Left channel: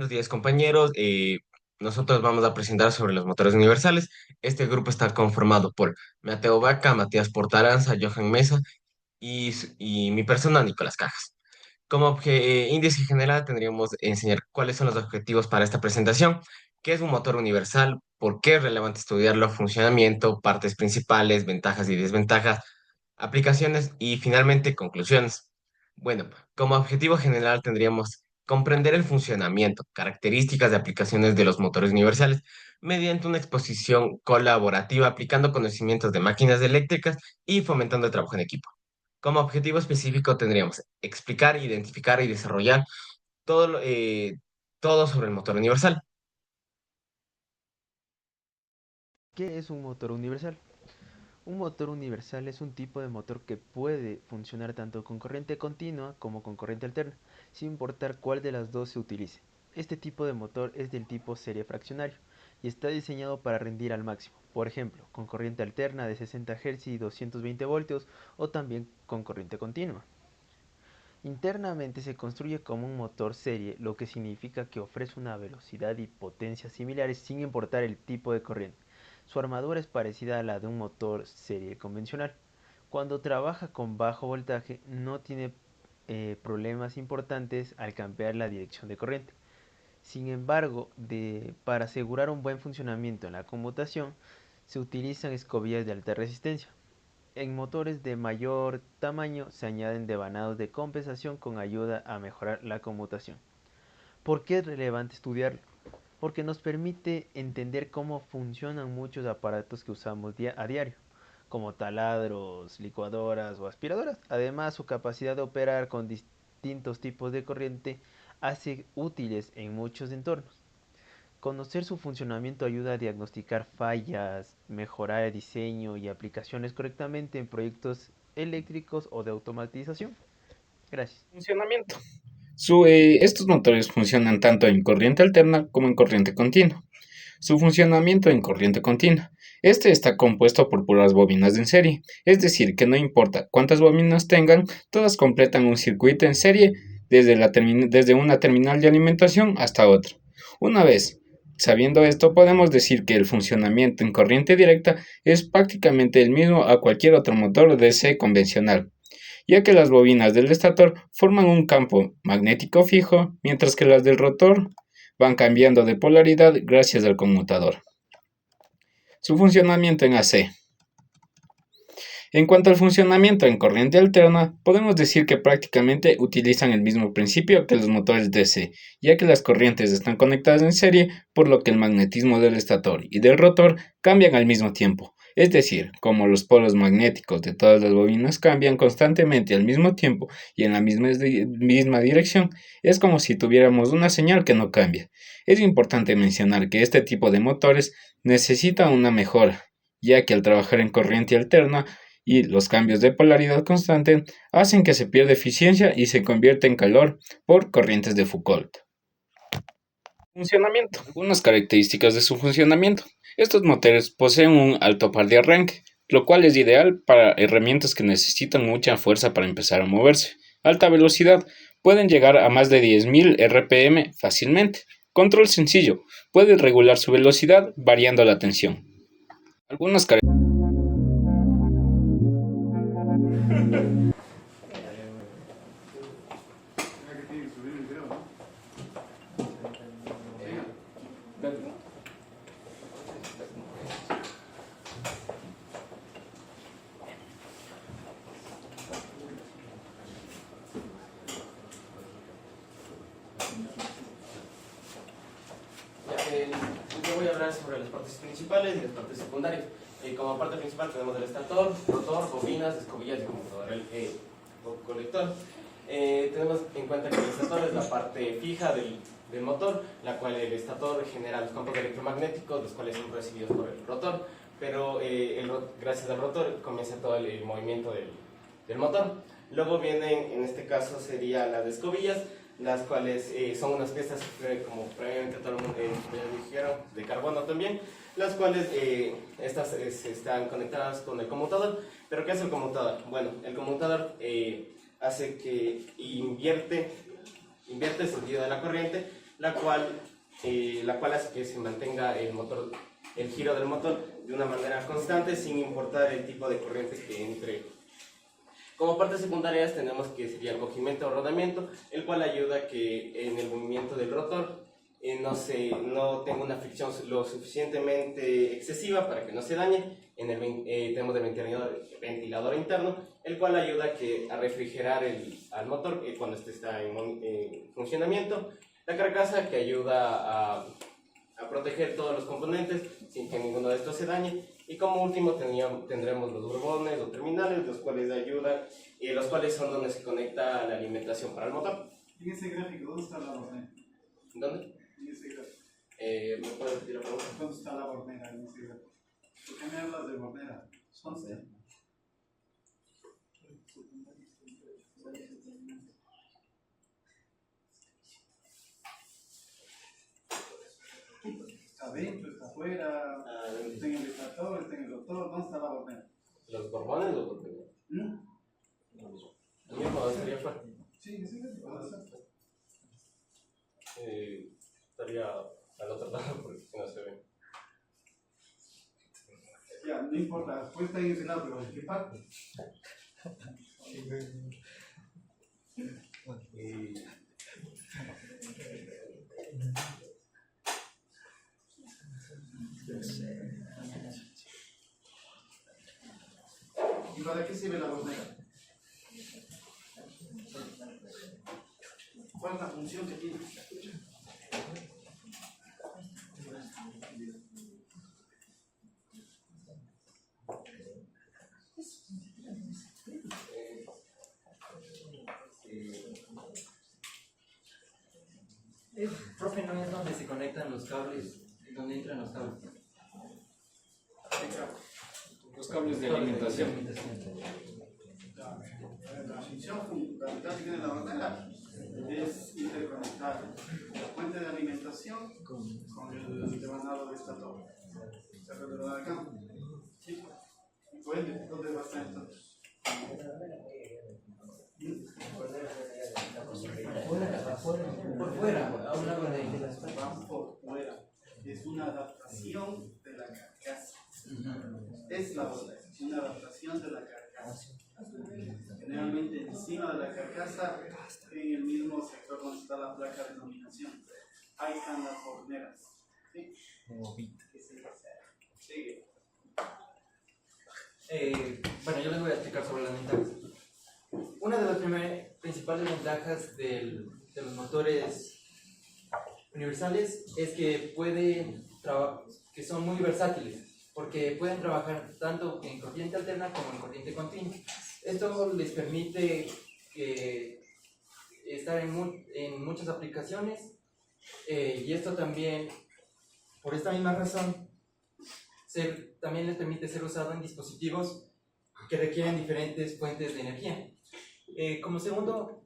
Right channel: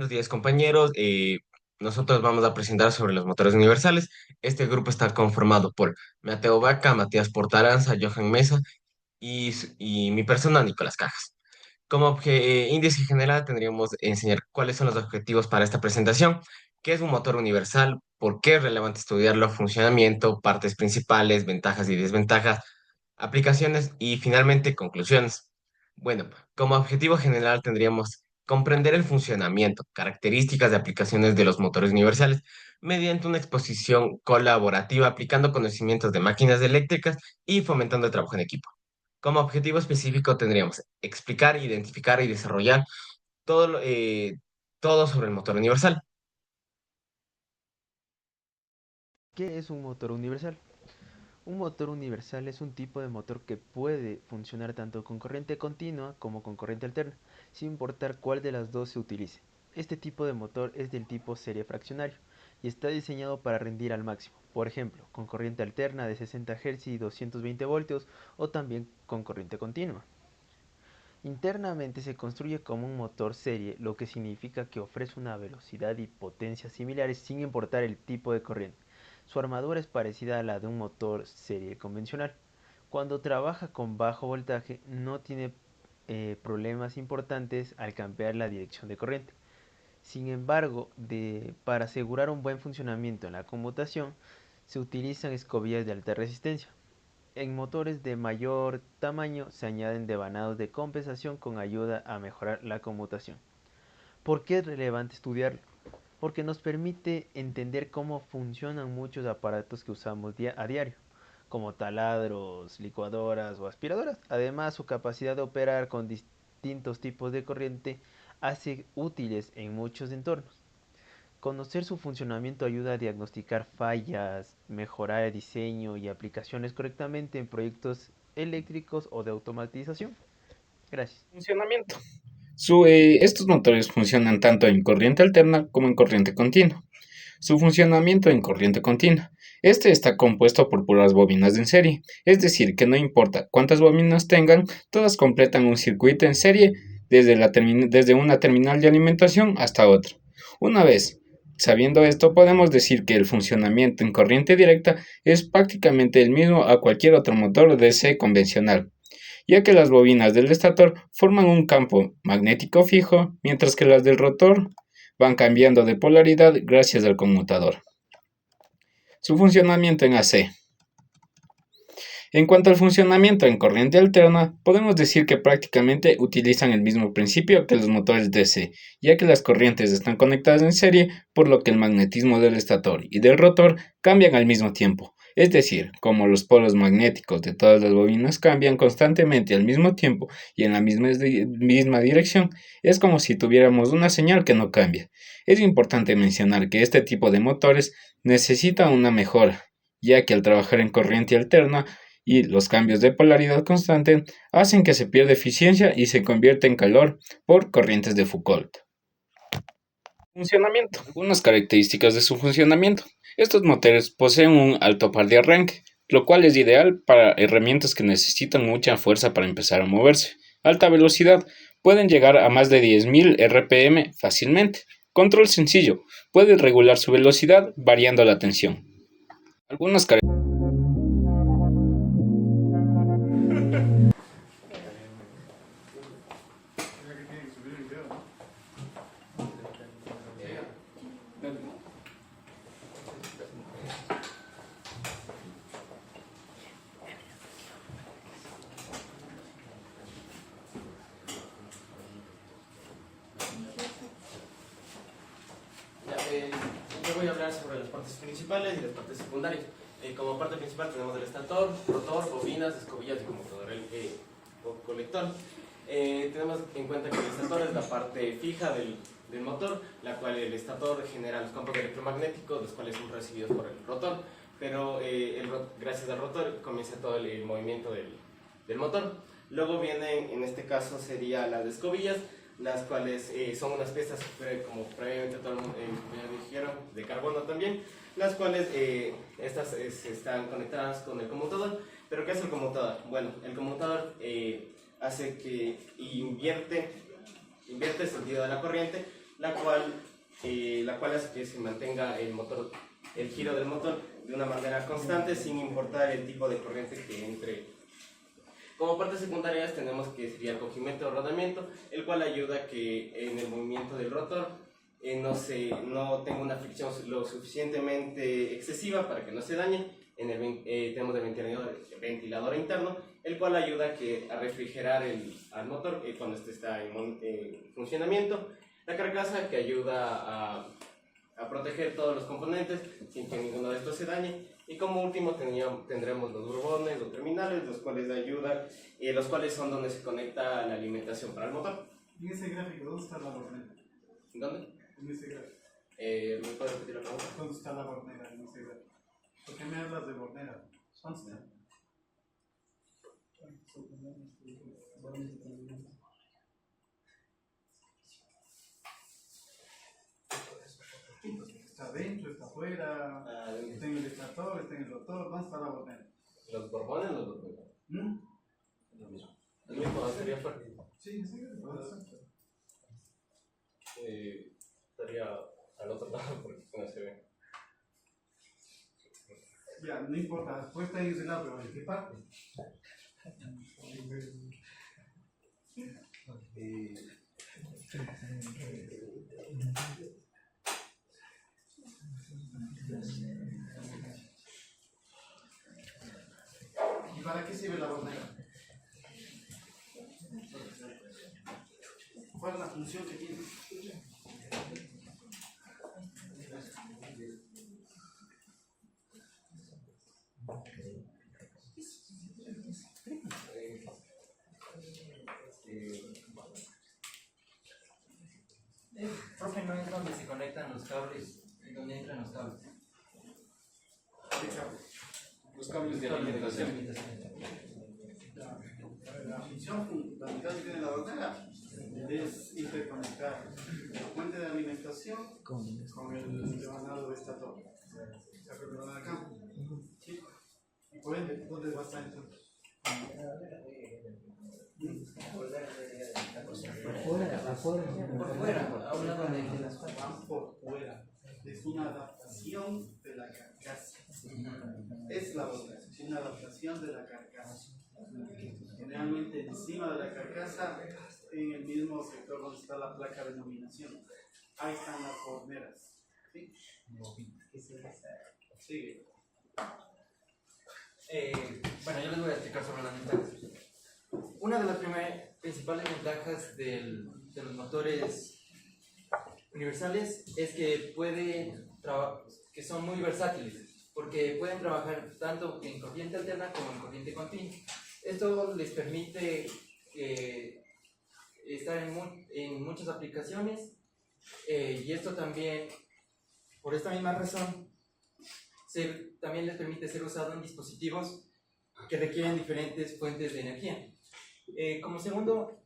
Buenos días, compañeros. Nosotros vamos a presentar sobre los motores universales. Este grupo está conformado por Mateo Vaca, Matías Portaranza, Johan Mesa y mi persona, Nicolás Cajas. Como índice general, tendríamos que enseñar cuáles son los objetivos para esta presentación, qué es un motor universal, por qué es relevante estudiarlo, funcionamiento, partes principales, ventajas y desventajas, aplicaciones y finalmente conclusiones. Bueno, como objetivo general tendríamos comprender el funcionamiento, características de aplicaciones de los motores universales mediante una exposición colaborativa aplicando conocimientos de máquinas eléctricas y fomentando el trabajo en equipo. Como objetivo específico tendríamos explicar, identificar y desarrollar todo, todo sobre el motor universal. ¿Qué es un motor universal? Un motor universal es un tipo de motor que puede funcionar tanto con corriente continua como con corriente alterna, sin importar cuál de las dos se utilice. Este tipo de motor es del tipo serie fraccionario y está diseñado para rendir al máximo, por ejemplo, con corriente alterna de 60 Hz y 220 voltios o también con corriente continua. Internamente se construye como un motor serie, lo que significa que ofrece una velocidad y potencia similares sin importar el tipo de corriente. Su armadura es parecida a la de un motor serie convencional. Cuando trabaja con bajo voltaje no tiene problemas importantes al cambiar la dirección de corriente. Sin embargo, para asegurar un buen funcionamiento en la conmutación, se utilizan escobillas de alta resistencia. En motores de mayor tamaño se añaden devanados de compensación con ayuda a mejorar la conmutación. ¿Por qué es relevante estudiarlo? Porque nos permite entender cómo funcionan muchos aparatos que usamos a diario, como taladros, licuadoras o aspiradoras. Además, su capacidad de operar con distintos tipos de corriente hace útiles en muchos entornos. Conocer su funcionamiento ayuda a diagnosticar fallas, mejorar el diseño y aplicaciones correctamente en proyectos eléctricos o de automatización. Gracias. Funcionamiento. Estos motores funcionan tanto en corriente alterna como en corriente continua. Su funcionamiento en corriente continua. Este está compuesto por puras bobinas en serie, es decir, que no importa cuántas bobinas tengan, todas completan un circuito en serie desde una terminal de alimentación hasta otra. Una vez sabiendo esto, podemos decir que el funcionamiento en corriente directa es prácticamente el mismo a cualquier otro motor DC convencional, ya que las bobinas del estator forman un campo magnético fijo, mientras que las del rotor van cambiando de polaridad gracias al conmutador. Su funcionamiento en AC. En cuanto al funcionamiento en corriente alterna, podemos decir que prácticamente utilizan el mismo principio que los motores DC, ya que las corrientes están conectadas en serie, por lo que el magnetismo del estator y del rotor cambian al mismo tiempo. Es decir, como los polos magnéticos de todas las bobinas cambian constantemente al mismo tiempo y en la misma dirección, es como si tuviéramos una señal que no cambia. Es importante mencionar que este tipo de motores necesita una mejora, ya que al trabajar en corriente alterna, y los cambios de polaridad constante hacen que se pierda eficiencia y se convierta en calor por corrientes de Foucault. Funcionamiento. Algunas características de su funcionamiento. Estos motores poseen un alto par de arranque, lo cual es ideal para herramientas que necesitan mucha fuerza para empezar a moverse. Alta velocidad. Pueden llegar a más de 10.000 RPM fácilmente. Control sencillo. Puede regular su velocidad variando la tensión. Algunas características. Yo voy a hablar sobre las partes principales y las partes secundarias. Como parte principal tenemos el estator, rotor, bobinas, escobillas y conmutador, o colector. Tenemos en cuenta que el estator es la parte fija del motor, la cual el estator genera los campos electromagnéticos, los cuales son recibidos por el rotor, pero gracias al rotor comienza todo el movimiento del motor. Luego vienen, en este caso sería las escobillas, las cuales son unas piezas, como previamente dijeron, de carbono también, las cuales estas están conectadas con el conmutador. ¿Pero qué es el conmutador? Bueno, el conmutador hace que invierte el sentido de la corriente la cual hace que se mantenga el giro del motor de una manera constante sin importar el tipo de corriente que entre. Como partes secundarias tenemos que sería el cogimiento o rodamiento, el cual ayuda a que en el movimiento del rotor no tenga una fricción lo suficientemente excesiva para que no se dañe. Tenemos el ventilador interno, el cual ayuda a refrigerar al motor cuando este está en funcionamiento. La carcasa, que ayuda a proteger todos los componentes sin que ninguno de estos se dañe. Y como último tendremos los burbones o terminales, los cuales son donde se conecta la alimentación para el motor. En ese gráfico, ¿dónde está la bornera? ¿Dónde? En ese gráfico. ¿Me puedes repetir la pregunta? ¿Dónde está la bornera en ese gráfico? ¿Por qué me hablas de bornera? ¿Son? Está adentro, está afuera, está en el estator, está en el rotor. ¿Dónde está la bornera? ¿Los borbones o los borbones? Lo mismo. El mismo estaría afuera. Sí, sí, Estaría al otro lado porque no se ve. ya, no importa, después está en ese lado, pero ¿en qué parte? ¿Y para qué sirve la bornera? ¿Cuál es la función que tiene? Profe, no es donde se conectan los cables, donde entran los cables. Los cables de alimentación. La función fundamental que tiene la bornera es interconectar la fuente de alimentación con el devanado de esta torre. ¿Se acuerdan acá? Sí. Y por ende, ¿dónde va a estar entonces? Por fuera, a un lado de las Van por fuera. Es una adaptación de la carcasa. Es la bornera, es una adaptación de la carcasa. Generalmente encima de la carcasa, en el mismo sector donde está la placa de nominación, ahí están las borneras. ¿Sí? Sigue. Bueno, yo les voy a explicar sobre las ventajas. Una de las principales ventajas de los motores universales es que que son muy versátiles, porque pueden trabajar tanto en corriente alterna como en corriente continua. Esto les permite estar en muchas aplicaciones, y esto también, por esta misma razón, también les permite ser usado en dispositivos que requieren diferentes fuentes de energía. Como segundo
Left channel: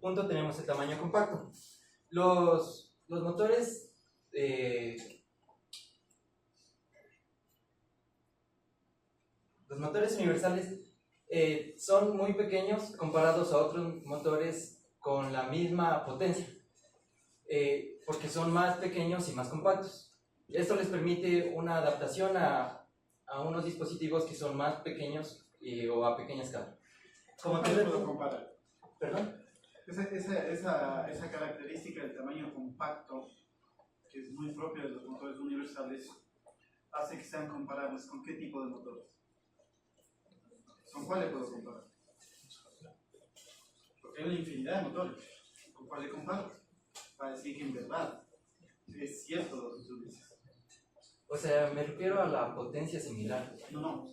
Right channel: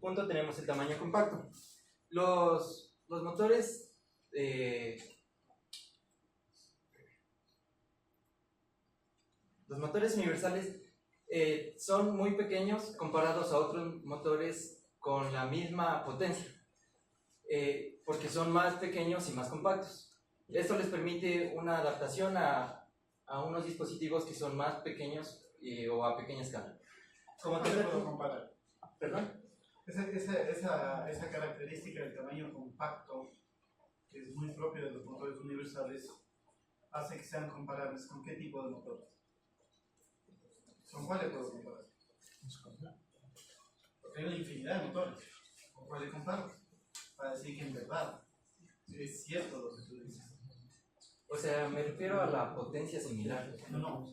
punto tenemos el tamaño compacto. Los motores universales son muy pequeños comparados a otros motores con la misma potencia, porque son más pequeños y más compactos. Esto les permite una adaptación a unos dispositivos que son más pequeños o a pequeña escala. ¿Cómo te puedo comparar? ¿Perdón? Esa característica del tamaño compacto, que es muy propia de los motores universales, hace que sean comparables con qué tipo de motores. ¿Con cuál le puedo comparar? Porque hay una infinidad de motores. ¿Con cuál le comparo? Para decir que en verdad es cierto lo que tú dices. O sea, me refiero a la potencia similar. No.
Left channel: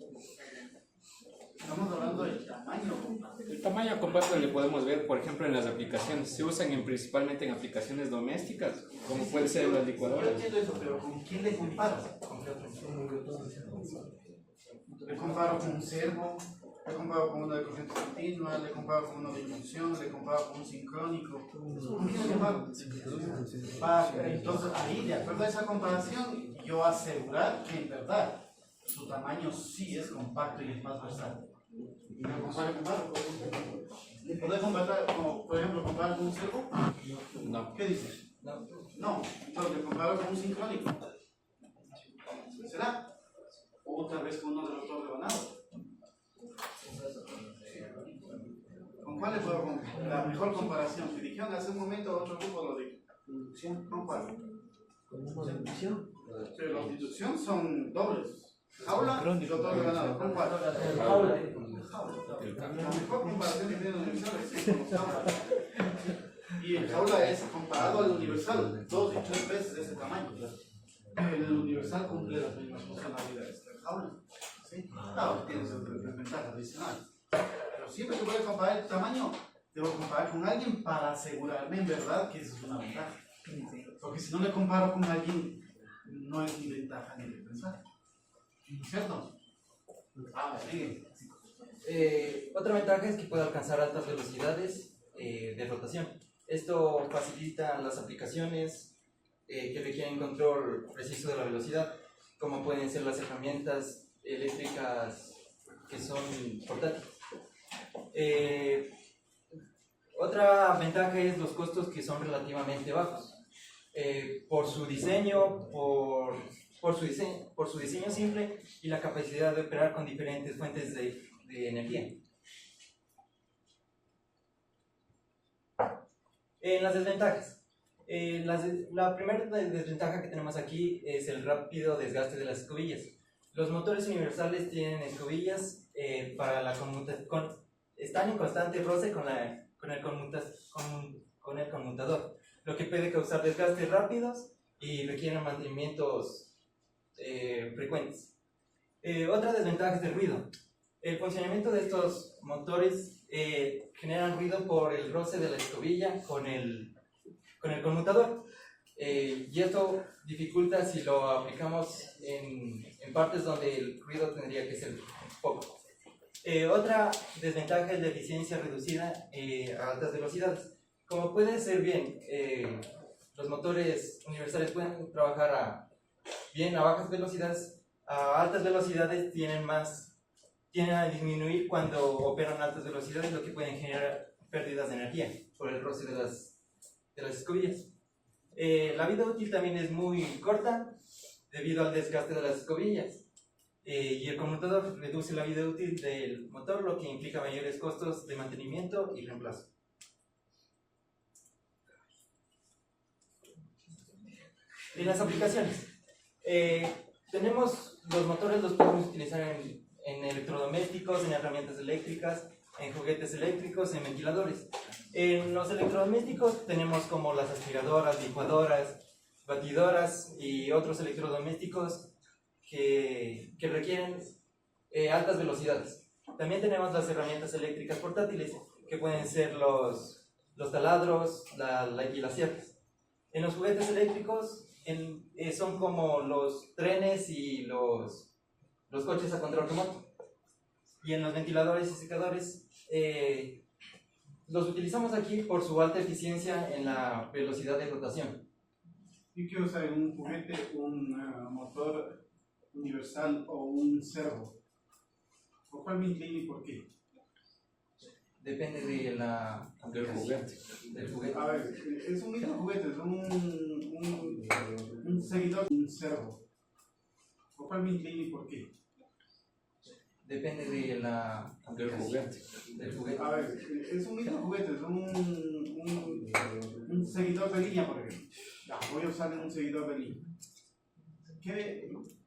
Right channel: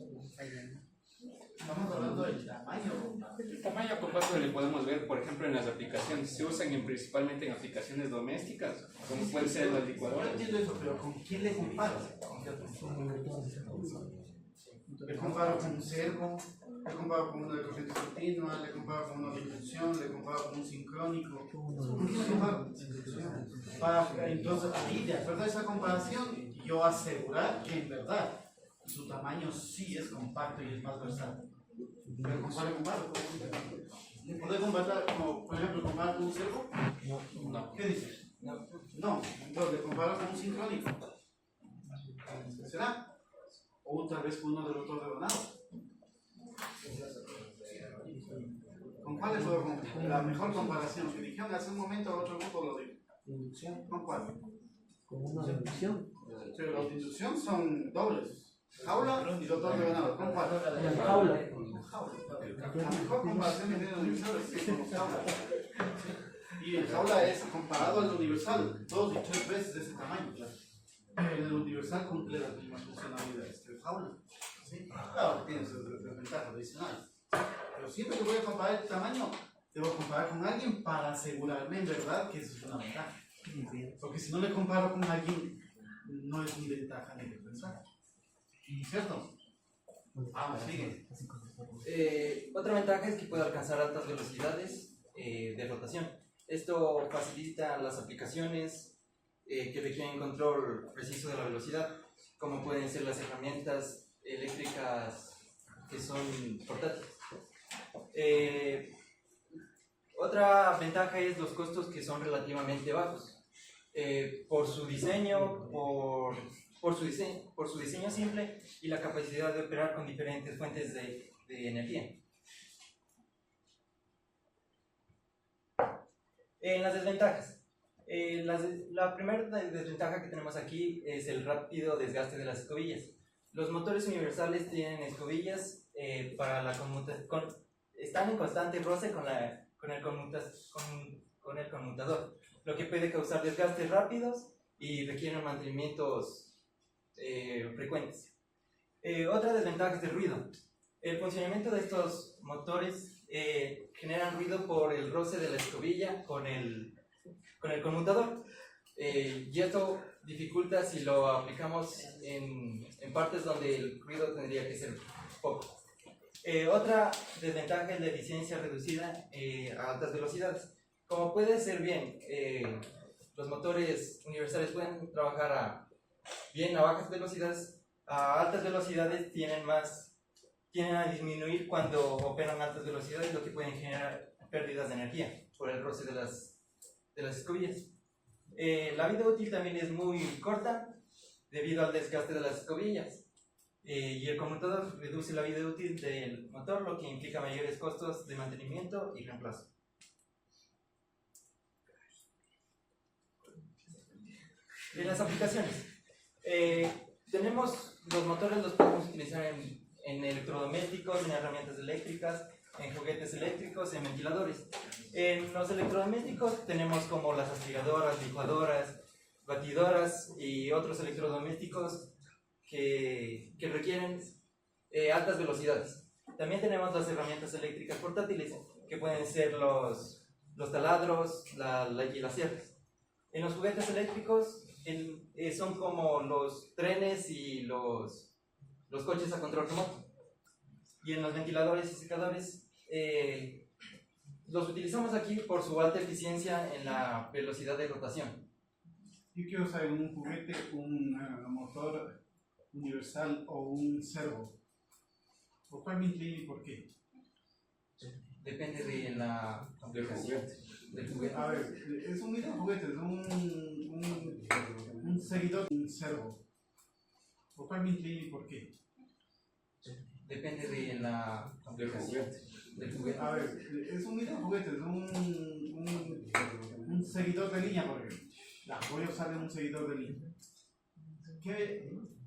Estamos hablando del tamaño. El tamaño compacto le podemos ver, por ejemplo, en las aplicaciones. Se usan principalmente en aplicaciones domésticas, como puede ser las Yo licuadoras. entiendo eso, pero ¿con quién le comparo? Le comparo con un servo, le comparo con uno de corriente continua, le comparo con uno de inducción, le comparo con un sincrónico. ¿Con quién le comparo? Entonces, ahí, de acuerdo a esa comparación, yo asegurar que en verdad su tamaño sí es compacto y es más versátil. ¿Lo comparo con algo? ¿Podés comparar, como por ejemplo, comparar con un servo? No. ¿Qué dices? No. No, entonces le comparo con un sincrónico. ¿Será? O tal vez con uno de los dos rebanados. ¿Con cuál le puedo comparar? La mejor comparación que dijeron hace un momento, otro grupo lo dijo. Inducción. ¿Con cuál? Como una inducción. Pero las inducción son dobles. Jaula y los dos rebanados. ¿Con cuál? Jaula. La mejor comparación que tiene el universal es con los jaula. Y el jaula es comparado al universal 2 y 3 veces de ese tamaño. El universal cumple las mismas funcionalidades que el jaula. ¿Sí? Claro, tiene sus desventajas adicionales. Pero siempre que voy a comparar el tamaño, debo comparar con alguien para asegurarme en verdad que eso es una ventaja. Porque si no le comparo con alguien, no es mi ventaja ni de pensar. ¿Cierto? Vamos, sigue. Otra ventaja es que puede alcanzar altas velocidades de rotación. Esto facilita las aplicaciones que requieren control preciso de la velocidad, como pueden ser las herramientas eléctricas que son portátiles. Otra ventaja es los costos, que son relativamente bajos. Por su diseño, por su diseño simple y la capacidad de operar con diferentes fuentes de energía. En las desventajas. La primera desventaja que tenemos aquí es el rápido desgaste de las escobillas. Los motores universales tienen escobillas para la están en constante roce con el conmutador, lo que puede causar desgastes rápidos y requieren mantenimientos frecuentes. Otra desventaja es el ruido. El funcionamiento de estos motores generan ruido por el roce de la escobilla con el conmutador, y esto dificulta si lo aplicamos en partes donde el ruido tendría que ser poco. Otra desventaja es la eficiencia reducida a altas velocidades. Como puede ser bien, los motores universales pueden trabajar bien a bajas velocidades. A altas velocidades tienden a disminuir cuando operan a altas velocidades, lo que pueden generar pérdidas de energía por el roce de las escobillas. La vida útil también es muy corta debido al desgaste de las escobillas, y el conmutador reduce la vida útil del motor, lo que implica mayores costos de mantenimiento y reemplazo. En las aplicaciones, tenemos los motores, los podemos utilizar en electrodomésticos, en herramientas eléctricas, en juguetes eléctricos, en ventiladores. En los electrodomésticos tenemos como las aspiradoras, licuadoras, batidoras y otros electrodomésticos que requieren altas velocidades. También tenemos las herramientas eléctricas portátiles, que pueden ser los taladros y las sierras. En los juguetes eléctricos son como los trenes y los coches a control remoto. Y en los ventiladores y secadores, los utilizamos aquí por su alta eficiencia en la velocidad de rotación. Yo quiero saber un juguete, un motor universal o un servo. ¿Por cuál me inclino y por qué? Depende de la aplicación del juguete. A ver, es un mismo juguete, es un seguidor, un servo. ¿Por cuál me inclino y por qué? Depende de la aplicación del juguete. A ver, es un mismo juguete, es un seguidor de línea, por ejemplo. Voy a usar un seguidor de línea.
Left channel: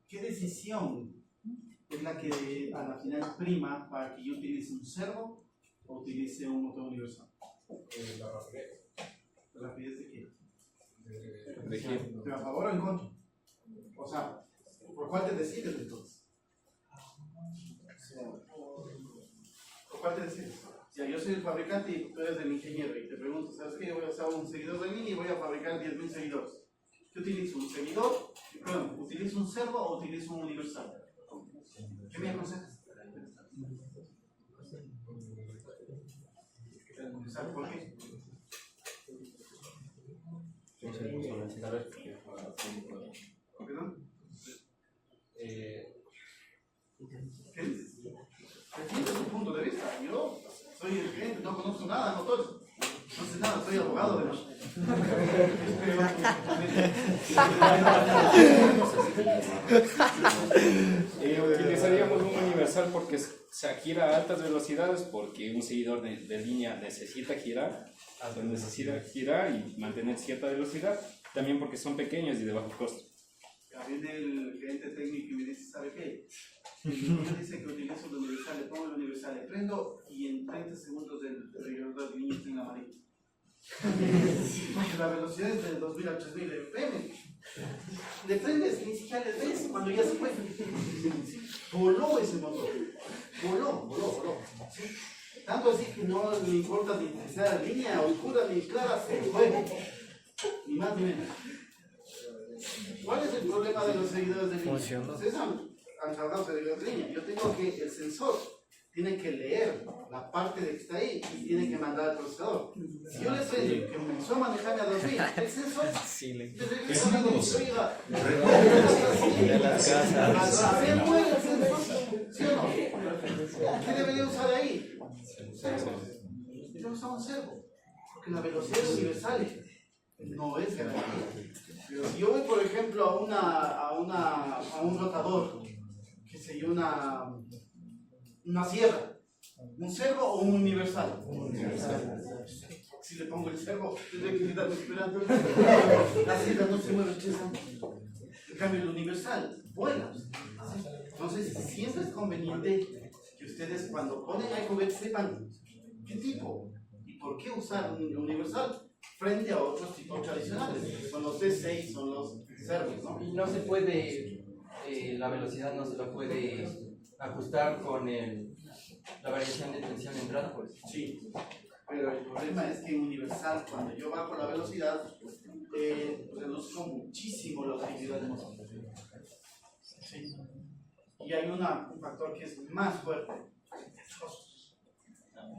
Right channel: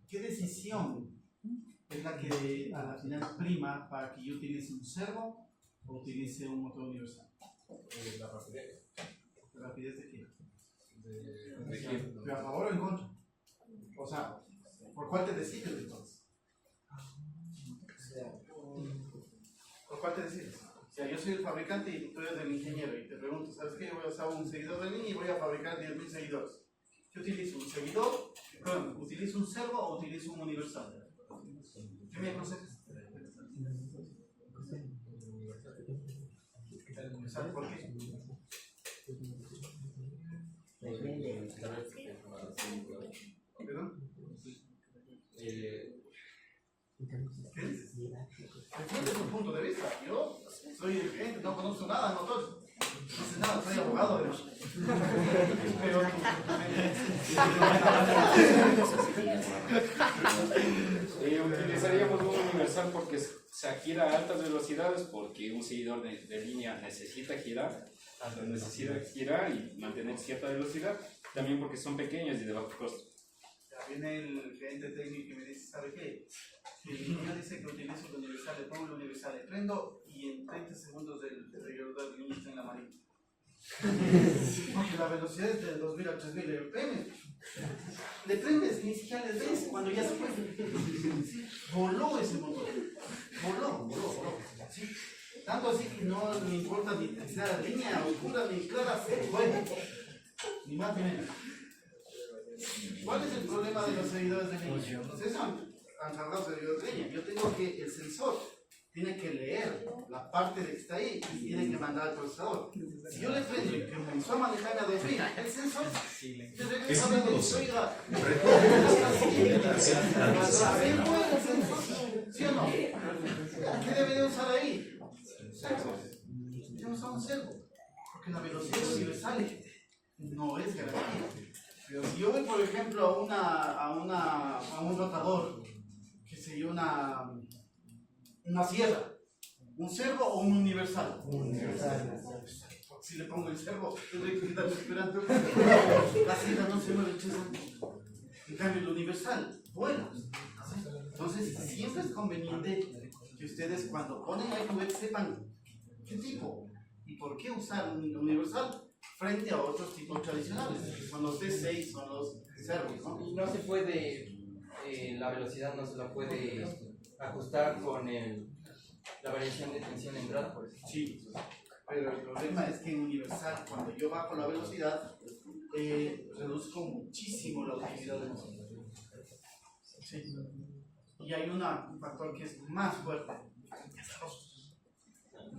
¿Qué decisión es la que a la final prima para que yo utilice un servo o utilice un motor universal? La rapidez. ¿La rapidez de qué? ¿De quién? ¿Pero a favor o en contra? O sea, ¿por cuál te decides entonces? ¿Por cuál te decides? O sea, yo soy el fabricante y tú eres el ingeniero y te pregunto, ¿sabes qué? Yo voy a usar un seguidor de línea y voy a fabricar 10.000 seguidores. ¿Qué utilizo? ¿Un seguidor? Perdón, ¿utilizo un servo o utilizo un universal? ¿Qué me aconsejas? ¿Sabes por qué? ¿Perdón? ¿Qué dices? Defiende tu punto de vista. Yo soy el cliente, no conozco nada de motores. No sé nada, soy abogado, pero... Utilizaríamos un universal porque se gira a altas velocidades, porque un seguidor de línea necesita girar y mantener cierta velocidad, también porque son pequeños y de bajo costo. Ya viene el gerente técnico y me dice, ¿sabe qué? Me dice que utilizo el universal, le pongo el universal, le prendo y en 30 segundos el reloj de línea está en la amarilla. Porque la velocidad es de 2000 a 3000, le prendes, ni siquiera le ves cuando ya se fue. Sí, voló ese motor, voló. ¿Sí? Tanto así que no le importa ni que sea línea oscura ni clara, se fue. Ni más ni menos. ¿Cuál es el problema de los seguidores de línea? Ustedes han trabajado seguidores de línea. Yo tengo que el sensor tiene que leer la parte de que está ahí y tiene que mandar al procesador. Si yo le prendo y que comenzó a manejarme a 2000, el sensor te regresa a la oiga. ¿Sí o no? ¿Qué debería usar ahí? Servo. Yo usaba un servo. Porque la velocidad universal no es garantía. Pero si yo voy, por ejemplo, a un rotador, que sé yo, una sierra, un servo o un universal. Si le pongo el servo, tendré que quedarme esperando. La sierra no se mueve 3 años. En cambio, el universal vuela. Entonces, siempre es conveniente que ustedes, cuando ponen el juguete, sepan qué tipo y por qué usar un universal frente a otros tipos tradicionales, que son los D6, son los servos, ¿no? Y no se puede, la velocidad no se la puede ajustar con la variación de tensión de entrada, pues. Sí, pero el problema es que en universal, cuando yo bajo la velocidad, reduzco muchísimo la utilidad de nosotros. Sí. Y hay un factor que es más fuerte.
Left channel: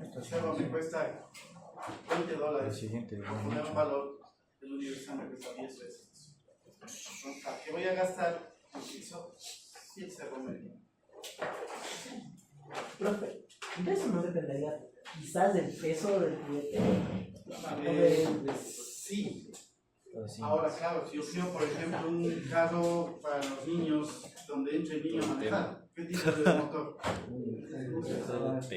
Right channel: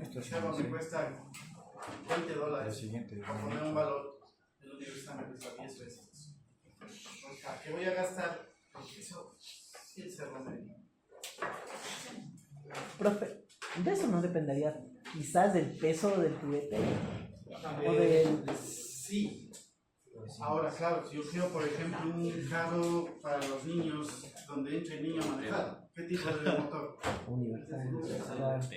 Este servo me cuesta $20 por poner un valor, el universal me cuesta 10 veces. Entonces, ¿a qué voy a gastar? Utilizo 100 servo medio. Profe, ¿de eso no dependería quizás del peso del juguete? Sí. Ahora, claro, si yo quiero, por ejemplo, un carro para los niños donde entre el niño a manejar, ¿qué tipo de motor? Universal.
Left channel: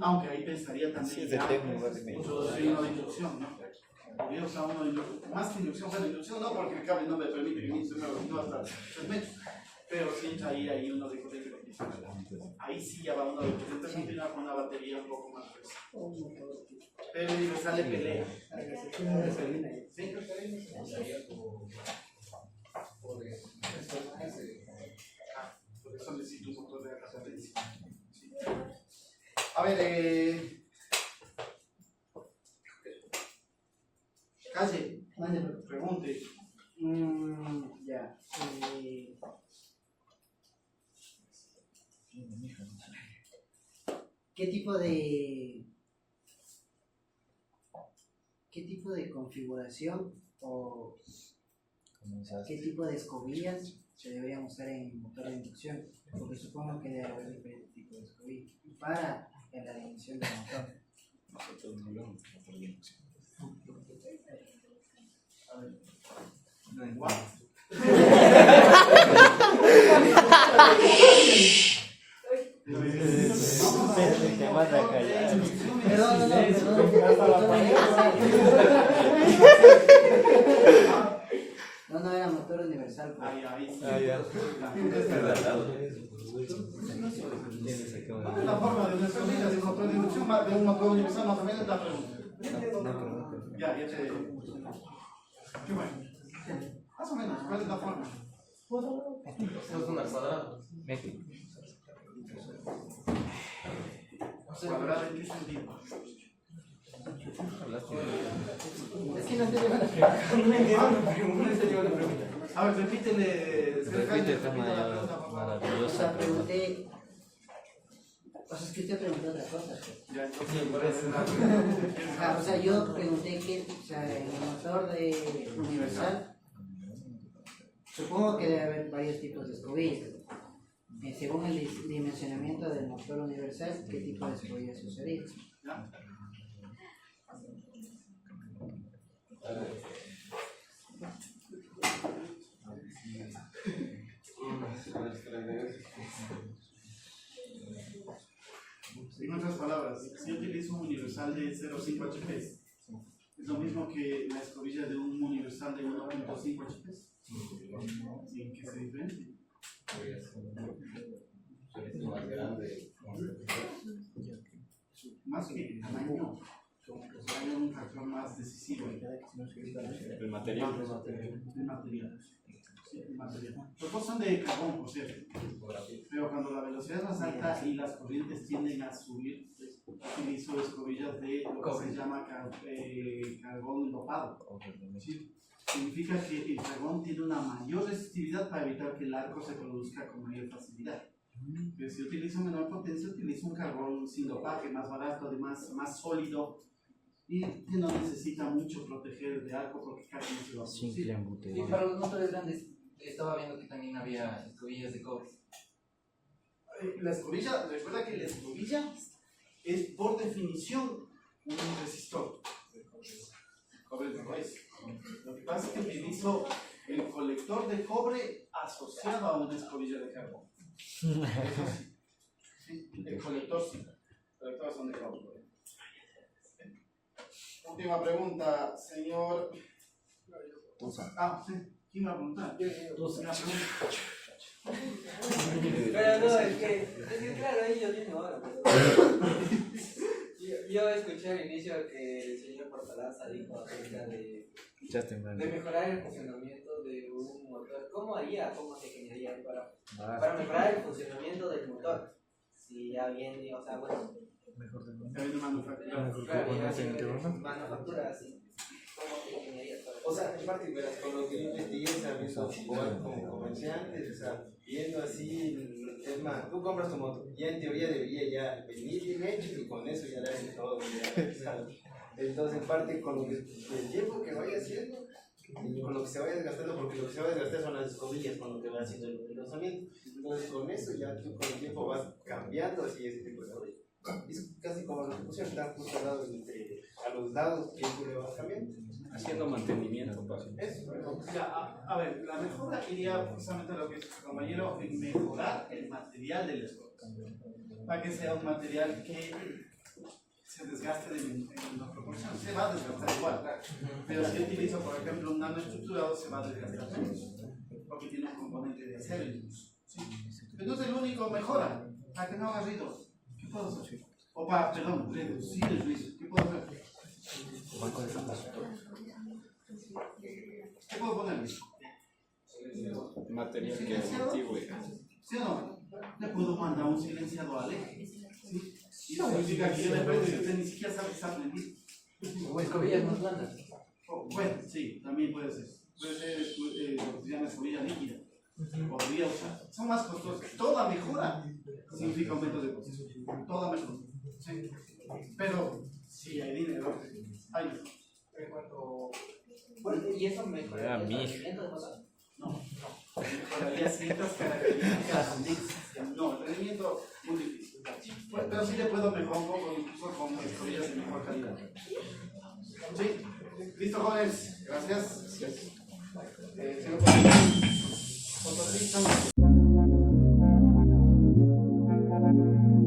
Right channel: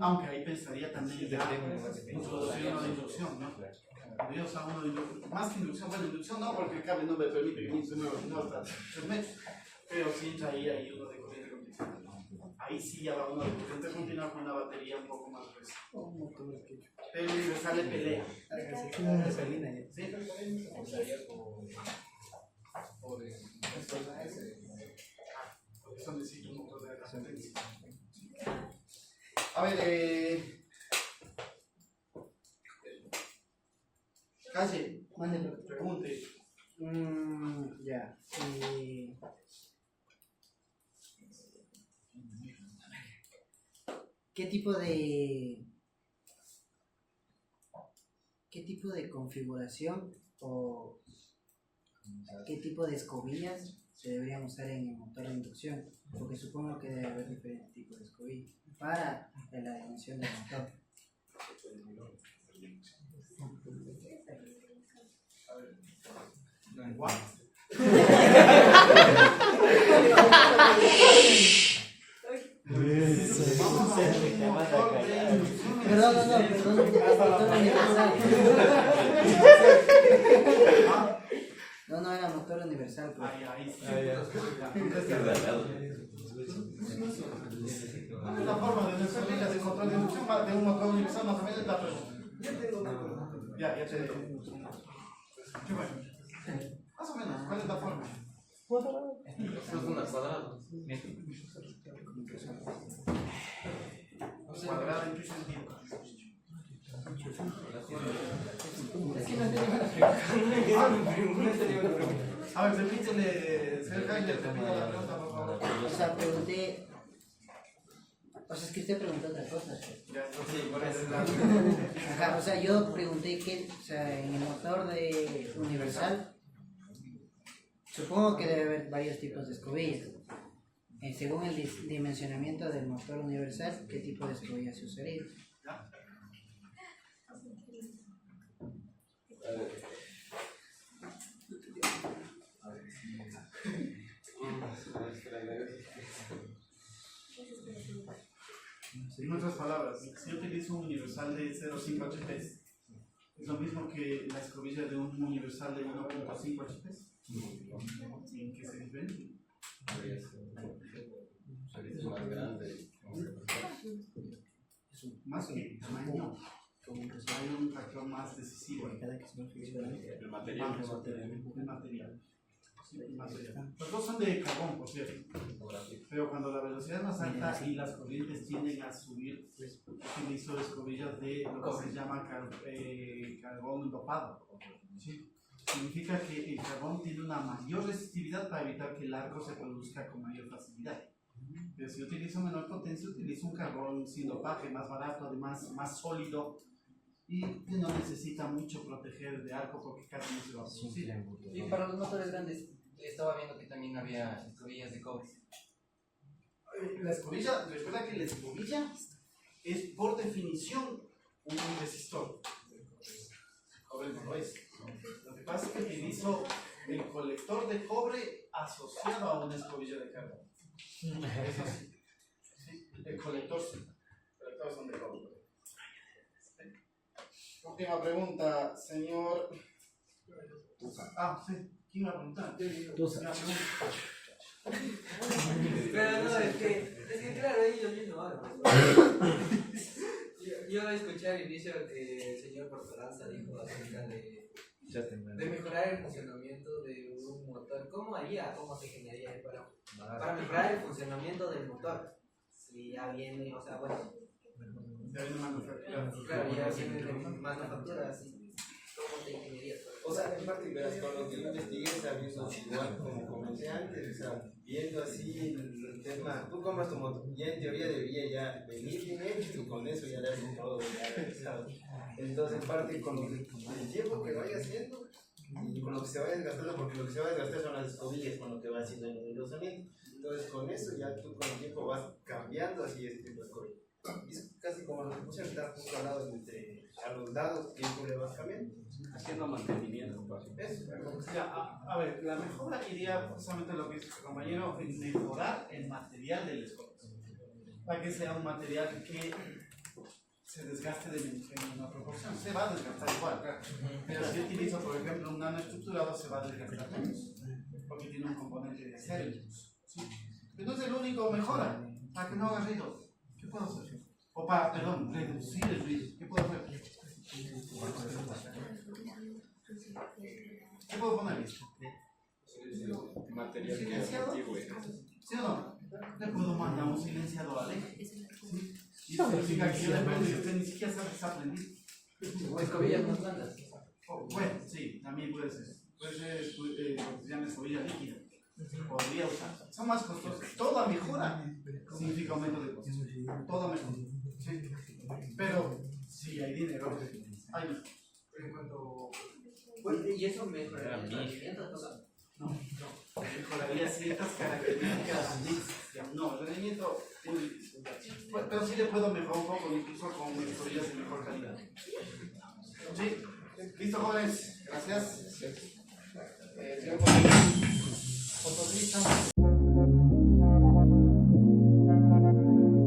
Aunque ahí pensaría también ya introducir uno de inducción, ¿no? Voy a usar uno de inducción, más que inducción, bueno, inducción no, porque el cable no me permite que el niño se mueva, no hasta 3 metros, pero sí entra ahí uno de corriente continua. Ahí sí ya va uno de corriente continua con una batería un poco más gruesa. Pero el universal le pelea. ¿Sí? Por eso necesito un motor de referencia. A ver, Calle, pregunte. Ya. ¿Qué tipo de configuración o qué tipo de escobillas se deberían usar en el motor de inducción? Porque supongo que debe haber diferentes tipos de escobillas para la dimensión del motor. A ver. What? No era motor universal. Pues. Ahí sí. La forma de una escobilla de motor de inducción de un motor universal más o menos es la pregunta. Ya te digo. Bueno. Más o menos, ¿cuál es la forma? Eso es una cuadrada. ¿Cuadrada en qué sentido? Es que no entendí la pregunta. A ver, repítele la pregunta, por favor. O sea, pregunté. O sea, es que usted preguntó otra cosa. Ya, entonces, por eso. O sea, yo pregunté que, o sea, en el motor de universal, supongo que debe haber varios tipos de escobillas. Según el dimensionamiento del motor universal, ¿qué tipo de escobilla se usaría? En otras palabras, si yo utilizo un universal de 0,5 HP, ¿es lo mismo que la escobilla de un universal de 1,5 HP? ¿Y en qué se diferencia? Es más grande. Más que tamaño, hay un factor más decisivo ahí. El material. El material. Sí, el material. Los dos son de carbón, por cierto. Pero cuando la velocidad es más alta y las corrientes tienden a subir, utilizo escobillas de lo que se llama carbón dopado. ¿Sí? Significa que el carbón tiene una mayor resistividad para evitar que el arco se produzca con mayor facilidad. Pero si utilizo menor potencia, utilizo un carbón sin dopaje, más barato, además más sólido y que no necesita mucho proteger de arco porque casi no se va a producir. Y para los motores grandes, estaba viendo que también había escobillas de cobre. La escobilla, recuerda que la escobilla es por definición un resistor. El cobre no lo es. Lo que pasa es que utilizo el colector de cobre asociado a una escobilla de carbón. Eso sí. Sí, el colector sí. Los colectores son de cobre. Última pregunta, señor. Ah, sí. ¿Quién va a preguntar? Una pregunta. Pero no, es que claro, ahí yo mismo ahora. Yo escuché al inicio que el señor Portalanza dijo acerca de mejorar el funcionamiento de un motor. ¿Cómo haría, cómo se ingeniaría para mejorar el funcionamiento del motor? Si ya viene, o sea, bueno, Ya viene manufacturado. claro, ya viene de manufactura, así. ¿Cómo se ingeniaría? O sea, en parte, verás, con lo que yo investigué, se ha visto igual como comenté antes, o sea, viendo así el tema, tú compras tu moto, ya en teoría debería ya venir bien hecho y con eso ya le hacen todo, ya, ¿sabes? Entonces, en parte, con lo que, el tiempo que vaya haciendo y con lo que se vaya desgastando, porque lo que se va a desgastar son las escobillas con lo que va haciendo el engrosamiento. Entonces, con eso ya tú con el tiempo vas cambiando así ese tipo de cosas. Es casi como lo que pusieron, está justo al lado entre a los lados que tú le vas cambiando. Haciendo mantenimiento, paso. Eso, a ver, la mejora iría precisamente a lo que dice su compañero, en mejorar el material del escobillo. Para que sea un material que se desgaste en una proporción. Se va a desgastar igual, claro. Pero si utilizo, por ejemplo, un nanoestructurado, se va a desgastar menos. Porque tiene un componente de acero. ¿Sí? Entonces, el único mejora, para que no haga ruido. ¿Qué puedo hacer? O para, perdón, reducir el ruido. ¿Qué puedo hacer? ¿Qué puedo poner? Material que es antiguo. ¿Sí o no? Le puedo mandar un silenciador al eje. ¿Sí? Y eso significa que yo le prendo y usted ni siquiera sabe que está prendido. O escobillas más blandas. Bueno, sí, también puede ser. Puede ser lo que se llama escobilla líquida. Podría usar. Son más costosas. Toda mejora significa aumento de costos. Toda mejora. ¿Sí? Pero si hay dinero, hay mejor. En cuanto. Bueno, ¿y eso mejoraría el rendimiento? No. Mejoraría ciertas características. No, el rendimiento muy difícil. Pero sí le puedo mejorar un poco, incluso con escobillas de mejor calidad. Sí, listo, jóvenes. Gracias. Señor Fotosista.